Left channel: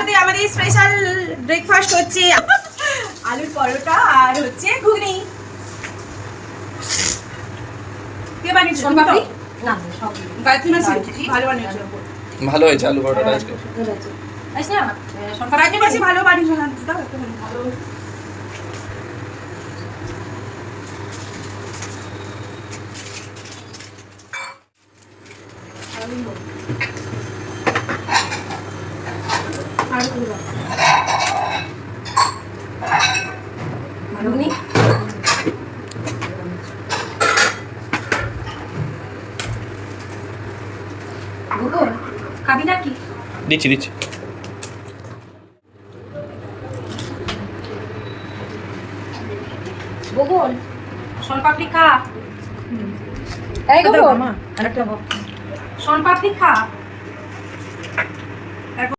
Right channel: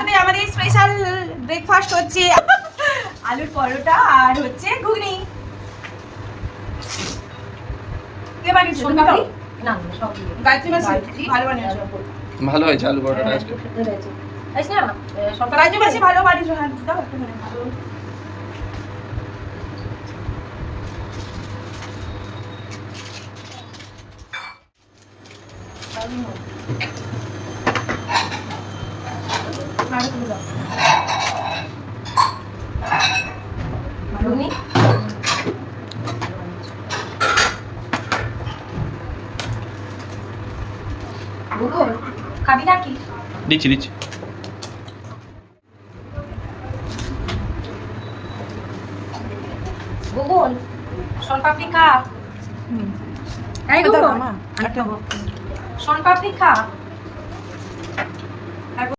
সাথে আমাদের special breakfast হচ্ছে আলুর পরোটা আর হচ্ছে ঘুগনি। কে বানিয়েছো? সোনপাপড়ি? না সব গায়ত্রী মাসি ভালো বানিয়েছো। ভালো হয়েছে আলু পরোটাটা আজকে। গায়ত্রী মাসি ভালো বানিয়েছো। হ্যাঁ দাও একটু ভালো। ঘুগনি ভূগোল খাবি নাকি? দিচ্ছি দিচ্ছি। ভূগোল সোনপাপড়ি খা। এই ভূগোল আরেকটা সোনপাপড়ি খা।